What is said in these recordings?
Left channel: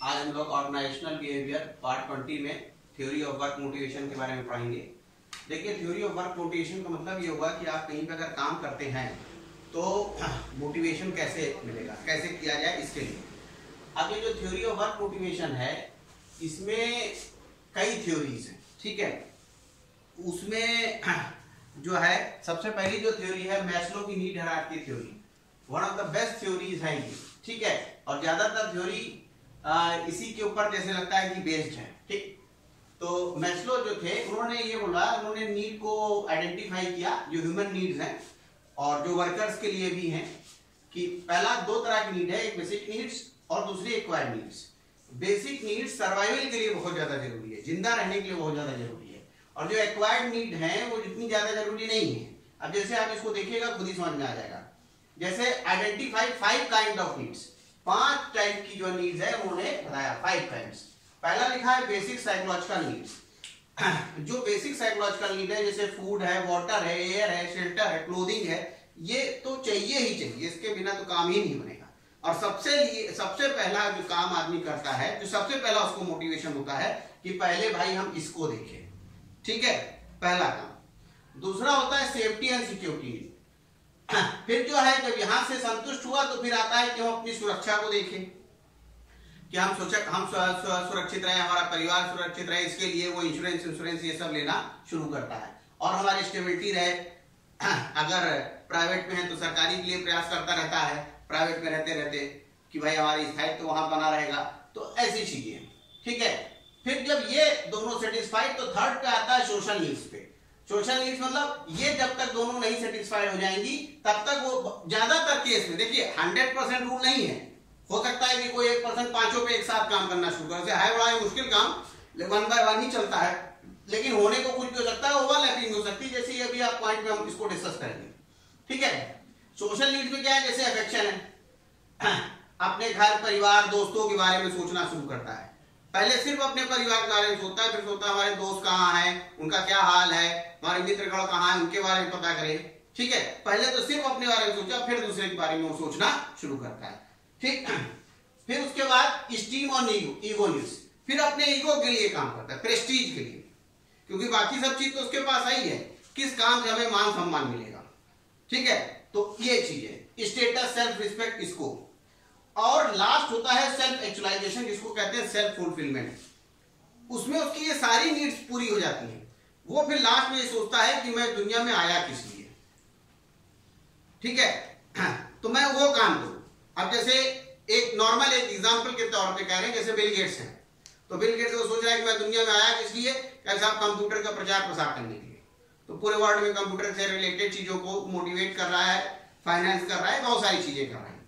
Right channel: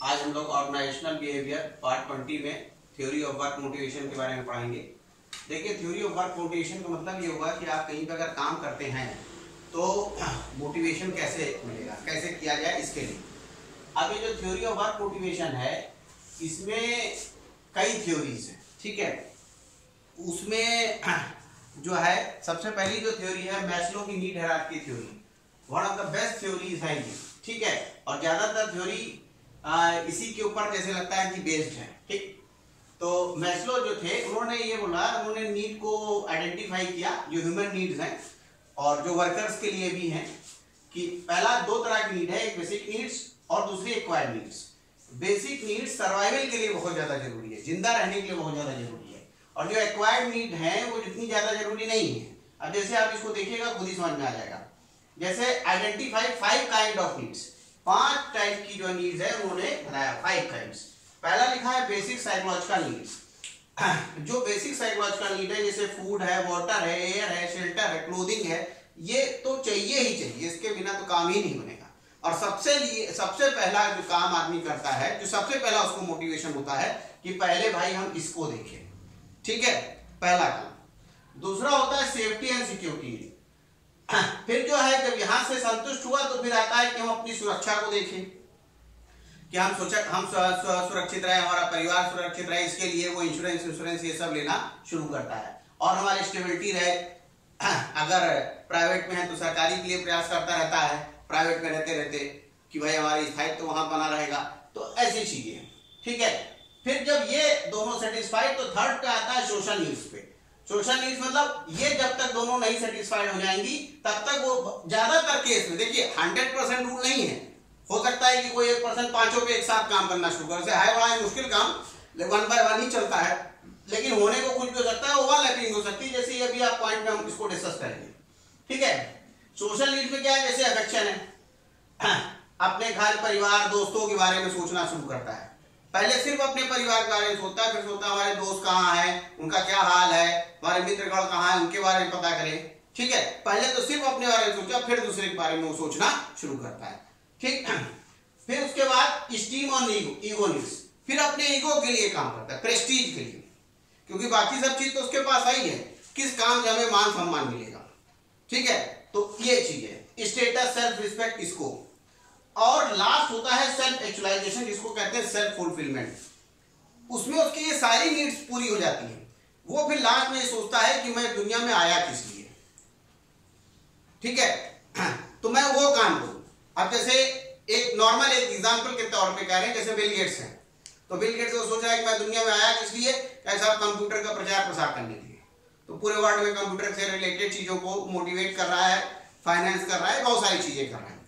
आज हम लोग ऑर्गेनाइजेशनल बिहेवियर पार्ट 20 में थ्योरी ऑफ वर्क मोटिवेशन के बारे में पढ़ेंगे। देखिए, थ्योरी ऑफ वर्क मोटिवेशन का मतलब ये हुआ कि आप कहीं पर अगर काम करते हैं तो मोटिवेशन कैसे मिलेगा, कैसे किया जाए, इसके लिए। अब ये जो थ्योरी ऑफ वर्क मोटिवेशन है, इसमें कई थ्योरीज हैं, ठीक है। उसमें जो है सबसे पहली जो थ्योरी है मैस्लो की need hierarchy theory, one of the best theories है ये, ठीक है। और ज्यादातर थ्योरी इसी के ऊपर जैसे लगता है कि बेस्ड है, ठीक। तो मैस्लो जो थे उन्होंने ये बोला, उन्होंने नीड को आइडेंटिफाई किया जो ह्यूमन नीड्स हैं और जो वर्कर्स के लिए भी हैं, कि पहला दो तरह की नीड है, एक बेसिक नीड्स और दूसरी acquired needs. Basic needs survival के लिए बहुत ज्यादा जरूरी है, जिंदा रहने के लिए बहुत ज्यादा जरूरी है, और जो एक्वायर्ड नीड है वो जितनी ज्यादा जरूरी नहीं है। अब जैसे आप इसको देखिएगा खुद ही समझ में आ जाएगा। जैसे identify 5 kind of needs, 5 type की जो नीड्स है उन्होंने बताया, 5 काइंड्स। पहला लिखा है बेसिक साइकोलॉजिकल नीड्स। जो बेसिक साइकोलॉजिकल नीड है, जैसे फूड है, वाटर है, एयर है, शेल्टर है, क्लोथिंग है, ये तो चाहिए ही चाहिए, इसके बिना तो काम ही नहीं बनेगा। और सबसे पहला जो काम आदमी करता है, जो सबसे पहला उसको मोटिवेशन होता है कि पहले भाई हम इसको देखें, ठीक है, पहला काम। दूसरा होता है सेफ्टी एंड सिक्योरिटी। फिर जो है जब यहां से संतुष्ट हुआ तो फिर आता है कि हम अपनी सुरक्षा को देखें, कि हम सुरक्षित रहे, हमारा परिवार सुरक्षित रहे, इसके लिए वो इंश्योरेंस ये सब लेना शुरू करता है। और हमारी स्टेबिलिटी रहे, अगर प्राइवेट में है तो सरकारी के लिए प्रयास करता रहता है, प्राइवेट में रहते रहते कि भाई हमारी स्थायित्व तो वहां बना रहेगा। तो ऐसी चीजें, ठीक है। फिर जब ये दोनों सेटिस्फाइड तो थर्ड पे आता है सोशल नीड्स पे। सोशल नीड्स मतलब ये जब तक दोनों नहीं सेटिस्फाइड हो जाएंगी तब तक वो, ज्यादातर केस में देखिए 100% रूल नहीं है, हो सकता है कि कोई 1% पांचों पे एक साथ काम करना शुरू करे, है बड़ा मुश्किल काम, 1 by 1 ही चलता है, लेकिन होने को कुछ भी हो सकता है, ओवरलैपिंग हो सकती है, जैसे अभी आप पॉइंट में हम इसको डिस्कस करेंगे, ठीक है। सोशल नीड्स में क्या है, जैसे अफेक्शन है, अपने घर परिवार दोस्तों के बारे में सोचना शुरू करता है। पहले सिर्फ अपने परिवार के बारे में सोचता है, फिर सोचता है हमारे दोस्त कहाँ हैं, उनका क्या हाल है, हमारे मित्रगण कहाँ हैं, उनके बारे में पता करें, ठीक है। पहले तो सिर्फ अपने बारे में सोचा, फिर दूसरे के बारे में वो सोचना शुरू करता है, ठीक। फिर उसके बाद स्टीम और ईगो नीड्स, फिर अपने ईगो के लिए काम करता है, प्रेस्टीज के लिए, क्योंकि बाकी सब चीज तो उसके पास आई है, किस काम से हमें मान सम्मान मिलेगा, ठीक है। तो ये चीज है स्टेटस, सेल्फ रिस्पेक्ट, इसको। और लास्ट होता है सेल्फ एक्चुअलाइजेशन, जिसको कहते हैं सेल्फ फुलफिलमेंट। उसमें उसकी ये सारी नीड्स पूरी हो जाती हैं, वो फिर लास्ट में ये सोचता है कि मैं दुनिया में आया किस लिए, ठीक है, तो मैं वो काम करूं। अब जैसे एक नॉर्मल एक एग्जांपल के तौर पे कह रहे हैं, जैसे बिल गेट्स हैं, तो बिल गेट्स वो सोच रहा है कि मैं दुनिया में आया किस लिए, कैसा कंप्यूटर का प्रचार प्रसार करने के लिए, तो पूरे वर्ल्ड में कंप्यूटर से रिलेटेड चीजों को मोटिवेट कर रहा है, फाइनेंस कर रहा है, बहुत सारी चीजें कर रहा है।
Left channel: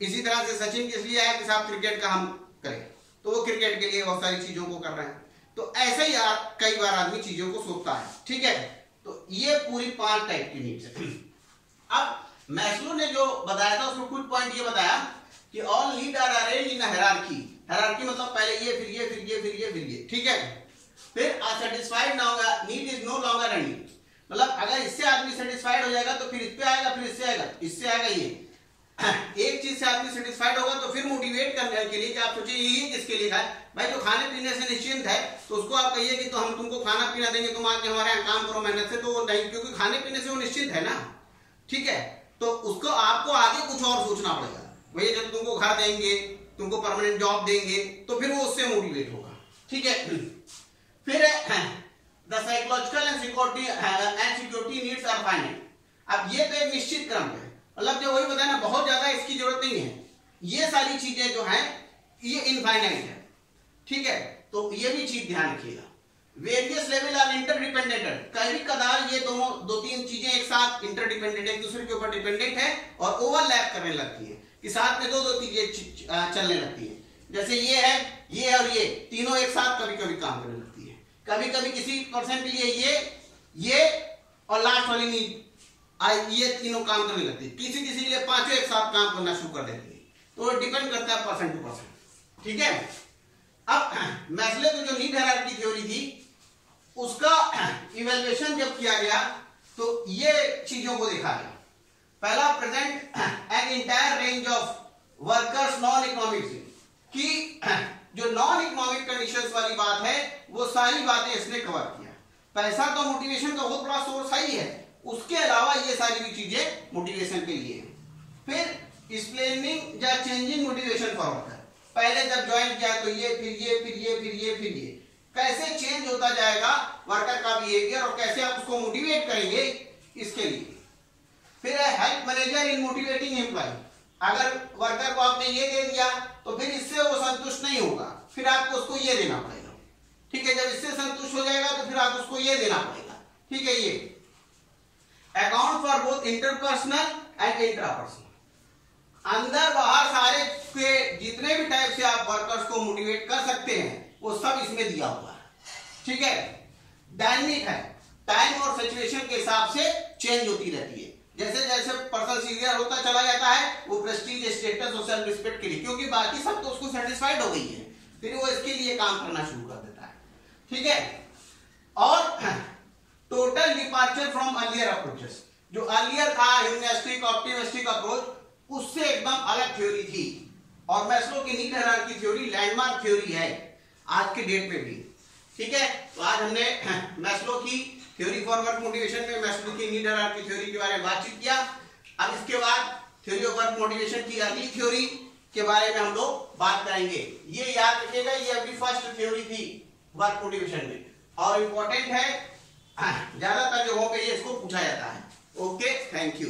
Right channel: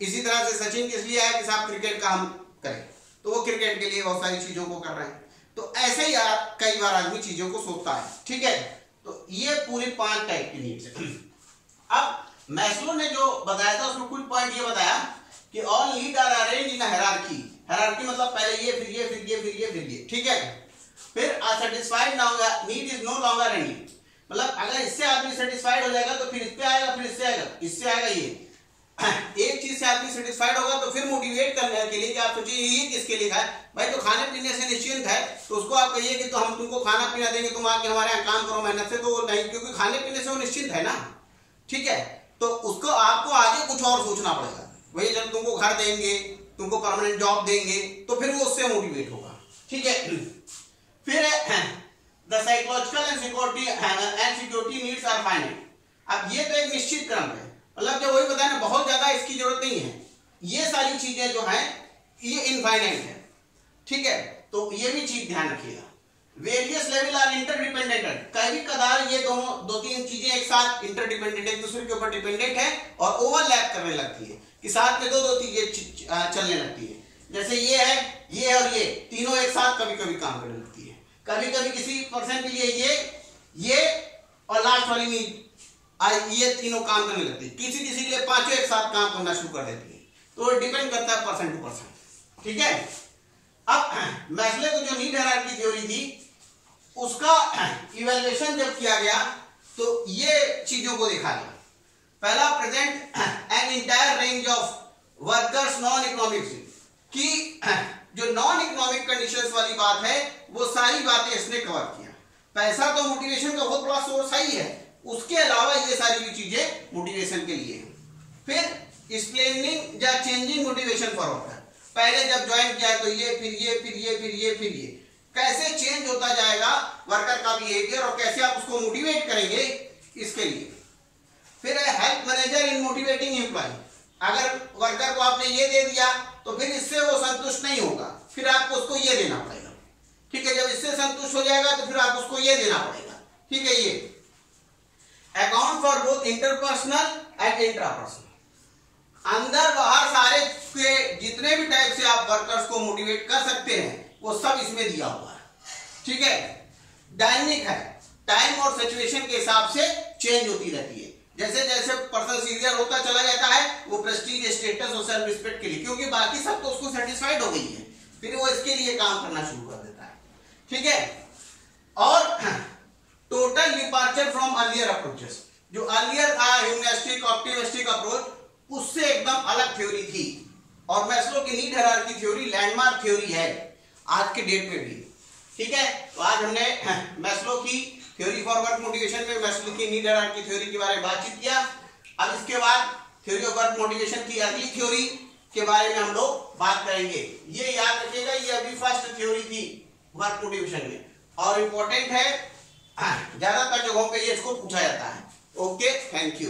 इसी तरह से सचिन किस लिए आया कि साहब क्रिकेट का हम करें, तो वो क्रिकेट के लिए बहुत सारी चीजों को कर रहे हैं। तो ऐसे ही कई बार आदमी चीजों को सोचता है, ठीक है। तो ये पूरी 5 टाइप की नीड्स है। अब मैस्लो ने जो बताया था उसमें कुछ पॉइंट ये बताया कि all need are arranged in hierarchy. Hierarchy मतलब पहले ये, फिर ये, फिर ये, फिर ये, फिर ये, ठीक है। फिर satisfied need is no longer any, मतलब अगर इससे आदमी सेटिस्फाइड हो जाएगा तो फिर इस पे आएगा, फिर इससे आएगा, इससे आएगा ये। एक चीज से आदमी सेटिस्फाइड होगा तो फिर मोटिवेट करने के लिए कि आप सोचिए ये किसके लिए है भाई, जो खाने पीने से निश्चिंत है तो उसको आप कहिए कि तो हम तुमको खाना पीना देंगे, तुम आके हमारे यहाँ काम करो मेहनत से, तो वो नहीं, क्योंकि खाने पीने से वो निश्चिंत है ना, ठीक है। तो उसको आपको आगे कुछ और सोचना पड़ेगा, वही जब तुमको घर देंगे, तुमको परमानेंट जॉब देंगे, तो फिर वो उससे मोटिवेट होगा, ठीक है। फिर the psychological and security needs are finite. अब ये तो एक निश्चित क्रम है, मतलब जो वही बताया ना, बहुत ज्यादा इसकी जरूरत नहीं है, ये सारी चीजें जो हैं ये इनफाइनाइट है, ठीक है। तो ये भी चीज ध्यान रखिएगा। वेरियस लेवल आर इंटरडिपेंडेंट, कभी कदार ये दोनों 2-3 चीजें एक साथ इंटरडिपेंडेंट, एक दूसरे के ऊपर डिपेंडेंट है और ओवरलैप करने लगती है, कि साथ में 2-2 चीजें चलने लगती है। जैसे ये है, ये और ये तीनों एक साथ कभी कभी काम करने लगती है, कभी कभी किसी पर्सन के लिए ये और लास्ट वाली नीड, ये तीनों काम करने लगती है, किसी के लिए पांचों एक साथ काम करना शुरू कर देती है। तो डिपेंड करता है पर्सन टू पर्सन, ठीक है। अब मैस्लो की जो नीड हायरार्की थ्योरी थी उसका इवैल्यूएशन जब किया गया तो ये चीजों को देखा गया। पहला, present an entire range of workers non economics, कि जो नॉन इकोनॉमिक कंडीशंस वाली बात है वो सारी बातें इसने कवर किया। पैसा तो मोटिवेशन का बहुत बड़ा सोर्स ही है, उसके अलावा ये सारी भी चीजें मोटिवेशन के लिए है। फिर एक्सप्लेनिंग या चेंजिंग मोटिवेशन फॉर वर्कर, पहले जब ज्वाइन किया तो ये, फिर ये, फिर ये, फिर ये, फिर ये, कैसे चेंज होता जाएगा वर्कर का बिहेवियर और कैसे आप उसको मोटिवेट करेंगे इसके लिए। फिर है हेल्प मैनेजर इन मोटिवेटिंग एम्प्लॉय, अगर वर्कर को आपने ये दे दिया तो फिर इससे वो संतुष्ट नहीं होगा, फिर आपको उसको ये देना पड़ेगा, ठीक है। जब इससे संतुष्ट हो जाएगा तो फिर आप उसको ये देना पड़ेगा, ठीक है। ये account for both interpersonal and intrapersonal, अंदर बाहर सारे के जितने भी टाइप से आप वर्कर्स को मोटिवेट कर सकते हैं वो सब इसमें दिया हुआ है, ठीक है। डायनेमिक है, टाइम और सिचुएशन के हिसाब से चेंज होती रहती है, जैसे जैसे पर्सन सीनियर होता चला जाता है वो प्रेस्टीज, स्टेटस और सेल्फ रिस्पेक्ट के लिए, क्योंकि बाकी सब तो उसको सेटिस्फाइड हो गई है, फिर वो इसके लिए काम करना शुरू कर देता है, ठीक है। और total departure from earlier approaches, जो अर्लियर था ह्यूमनिस्टिक ऑप्टिमिस्टिक अप्रोच, उससे एकदम अलग थ्योरी थी, और मैस्लो की need hierarchy theory landmark theory है आज के डेट में भी, ठीक है। तो आज हमने मैस्लो की थ्योरी फॉर वर्क मोटिवेशन में मैस्लो की नीड हायरार्की थ्योरी के बारे में बातचीत किया। अब इसके बाद थ्योरी ऑफ वर्क मोटिवेशन की अगली थ्योरी के बारे में हम लोग बात करेंगे। ये याद रखिएगा, ये अभी फर्स्ट थ्योरी थी वर्क मोटिवेशन में, और इम्पोर्टेंट है, ज्यादातर जगहों पे ये इसको पूछा जाता है। Okay, thank you.